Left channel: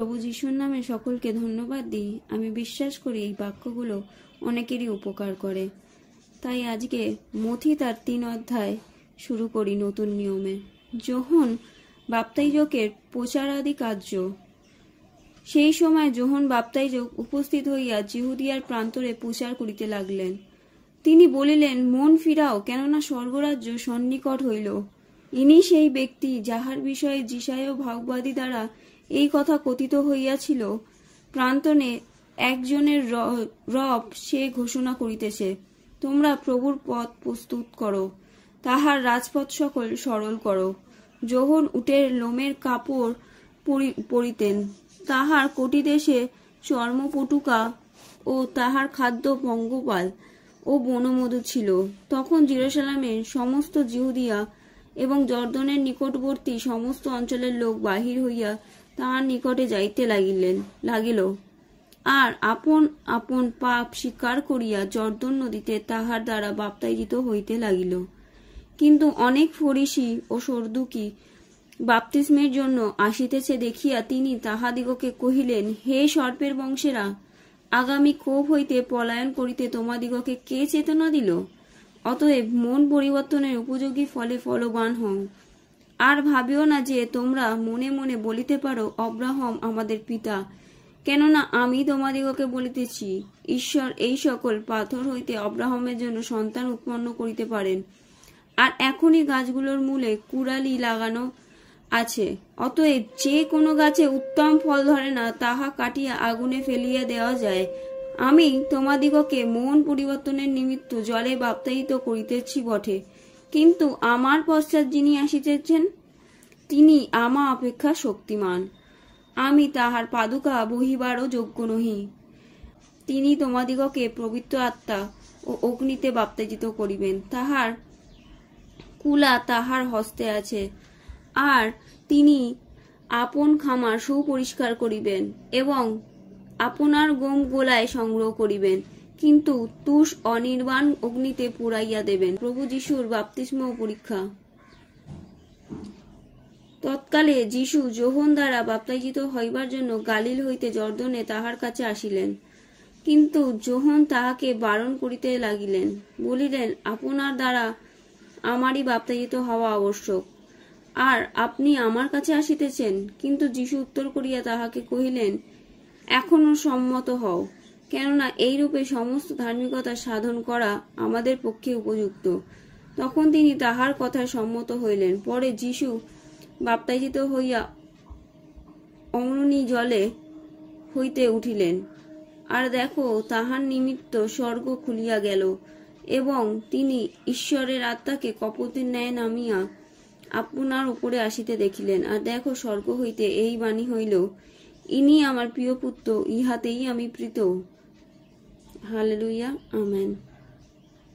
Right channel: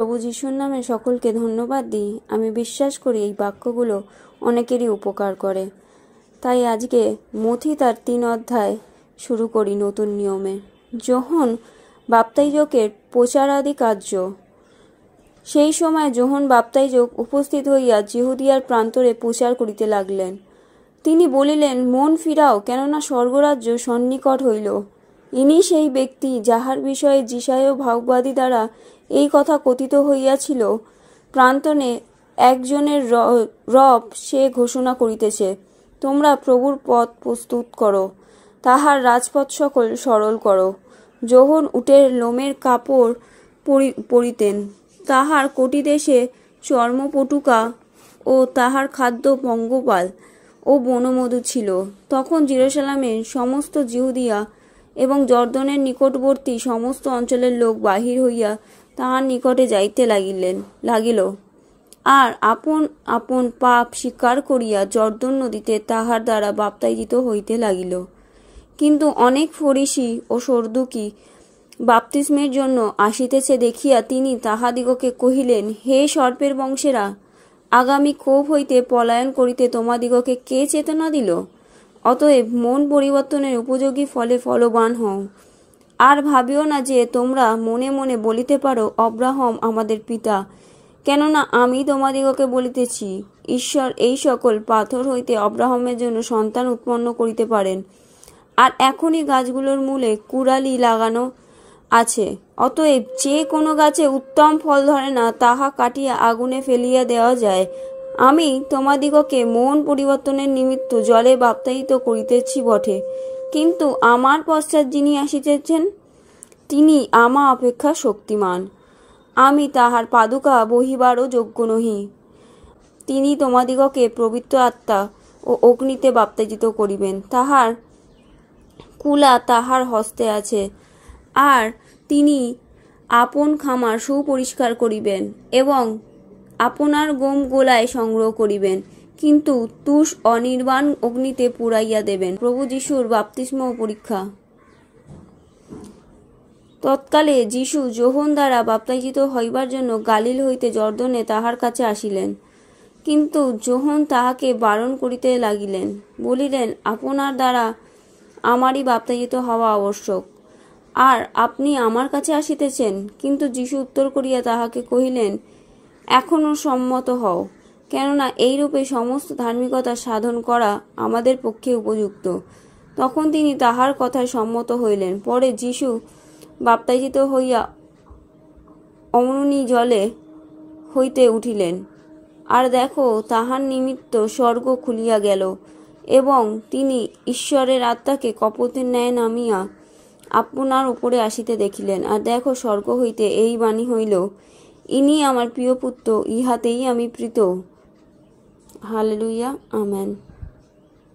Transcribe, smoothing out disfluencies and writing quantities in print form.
প্রভু যিশুর নামে সকলকে ধন্যবাদ দিই। আমি বিশ্বাস করি এই বাক্যগুলো অনেকেরই উপকার করে। তাই আজকে মথি তার 3 অধ্যায় শুরু করি নতুন নিয়মে। যোহন বাপ্তাইজকের প্রচারাদি কার্য। সেই সময় যোহন বাপ্তাইজক উপস্থিত হইয়া জিহুদিয়ার প্রান্তরে প্রচার করিতে লাগলেন। তিনি বলিলেন, মন ফিরাও, কেননা স্বর্গরাজ্য সন্নিকট হইল। ইনি সেই ব্যক্তি যাহার বিষয়ে যিশায় ভাববাদী দ্বারা এই কথা কথিত হইয়াছিল। প্রান্তনে একজনের রব সে ঘোষণা করিতেছে, তোমরা প্রভুর পথ প্রস্তুত করো, তাহার রাজপথ সকল সরল করো। যোহন উটের লোমের কাপড় পরিতেন, তাহার কটিদেশে চর্মপটুকা ও তাহার খাদ্য পঙ্গপাল ও বনমধু ছিল। তখন জেরুজালেমের সমস্ত জিহুদিয়া এবং জর্দনের নিকটবর্তী সমস্ত অঞ্চলের লোক বাহির হইয়া তাহার নিকটে যাইতে লাগিল, আর আপন আপন পাপ স্বীকার করিয়া জর্দন নদীতে তাহার দ্বারা বাপ্তাইজিত হইতে লাগিল। কিন্তু অনেক ফরিসি ও সদুকি বাপ্তিস্মের জন্য আসিতেছে দেখিয়া তিনি তাহাদিগকে কহিলেন, হে সর্পের বংশেরা, আগামী ক্ষোভ হইতে পলায়ন করিতে তোমাদিগকে কে চেতনা দিল? অতএব মন পরিবর্তনের উপযোগী ফলে ফলবান হও। আর ভাবিও না যে তোমরা মনে মনে বলিতে পারো, অব্রাহাম আমাদের পিতা। কেননা আমি তোমাদিগকে বলিতেছি, ঈশ্বর এই সকল পাথর হইতে অব্রাহামের জন্য সন্তান উৎপন্ন করিতে পারেন। আর এখনই গাছগুলোর মূলে কুড়ালি লাগানো আছে। অতএব যে কোনো গাছে উত্তম ফল ধরে না, তাহা কাটিয়া আগুনে ফেলিয়া দেওয়া যায়। আমি তোমাদিগকে মন পরিবর্তনের নিমিত্ত জলে বাপ্তায়িত করিতেছি বটে, কিন্তু আমার পশ্চাৎ যিনি আসিতেছেন, তিনি আমা অপেক্ষা শক্তিমান। আমি তাহার পাদুকা বহিবারও যোগ্য নহি। তিনি তোমাদিগকে পবিত্র আত্মা ও অগ্নিতে বাপ্তায়িত করিবেন। তাহার কুলা তাহার হস্তে আছে, আর তিনি আপন খামার সুপরিষ্কার করিবেন এবং আপনার গম গোলায় সংগ্রহ করিবেন, কিন্তু তুষ অনির্বাণ অগ্নিতে পুড়াইয়া দেবেন। প্রভু যিশুর বাপ্তিস্ম পরীক্ষা। তৎকালে যিশু যোহন দ্বারা বাপ্তায়িত হইবার জন্য গালিল হইতে জর্দনে তাহার কাছে আসিলেন। কিন্তু যোহন তাহাকে বারণ করিতে লাগিলেন, বলিলেন, আপনার দ্বারা আমারই বাপ্তায়িত হওয়া আবশ্যক, আর আপনি আমার কাছে আসিতেছেন? কিন্তু যিশু উত্তর করিয়া তাহাকে কহিলেন, এখনো সম্মত হও, কেননা এইরূপে সমস্ত ধার্মিকতা সাধন করা আমাদের পক্ষে উপযুক্ত। তখন তিনি তাহার কথায় সম্মত হইলেন। পরে যিশু বাপ্তায়িত হইয়া অমনি জলে হইতে উঠিলেন, আর দেখো, তাহার নিমিত্ত স্বর্গ খুলিয়া গেল, এবং তিনি ঈশ্বরের আত্মাকে কপোতের ন্যায় নামিয়া আপনার উপরে আসিতে দেখিলেন। আর দেখো, স্বর্গ হইতে এই বাণী হইল, ইনি আমার প্রিয় পুত্র, ইহাতেই আমি প্রীত। Hallelujah, amen.